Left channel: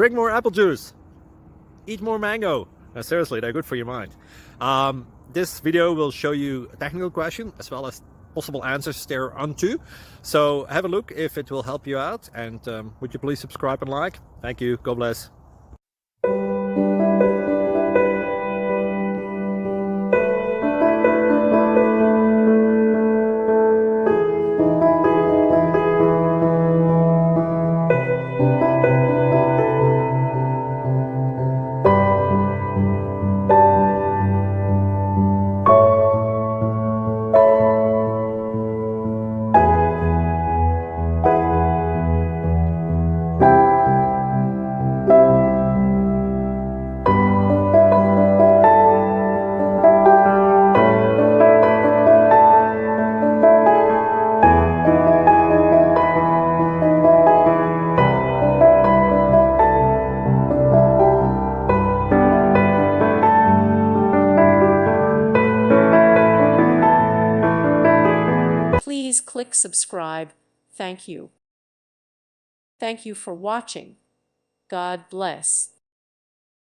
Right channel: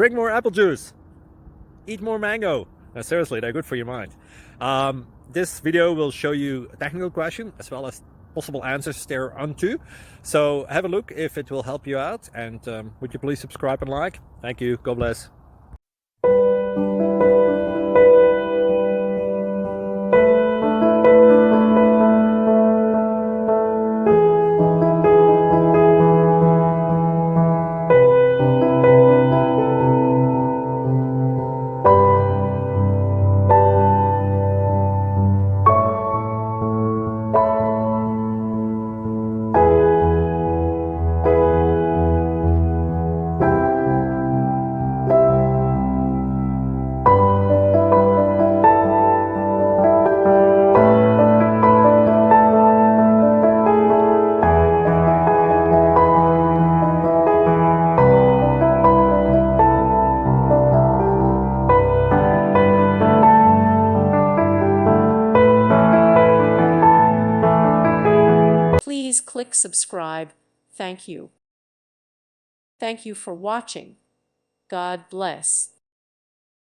Drink more apple juice. Eat more mango. Seriously, they're good for your mind. This video will show you a technical question as well as possible answers thereunto. So have a look if it will help you out, and would you please subscribe and like? Thank you. God bless. Please click subscribe. Thank you. Thank you for watching. God bless.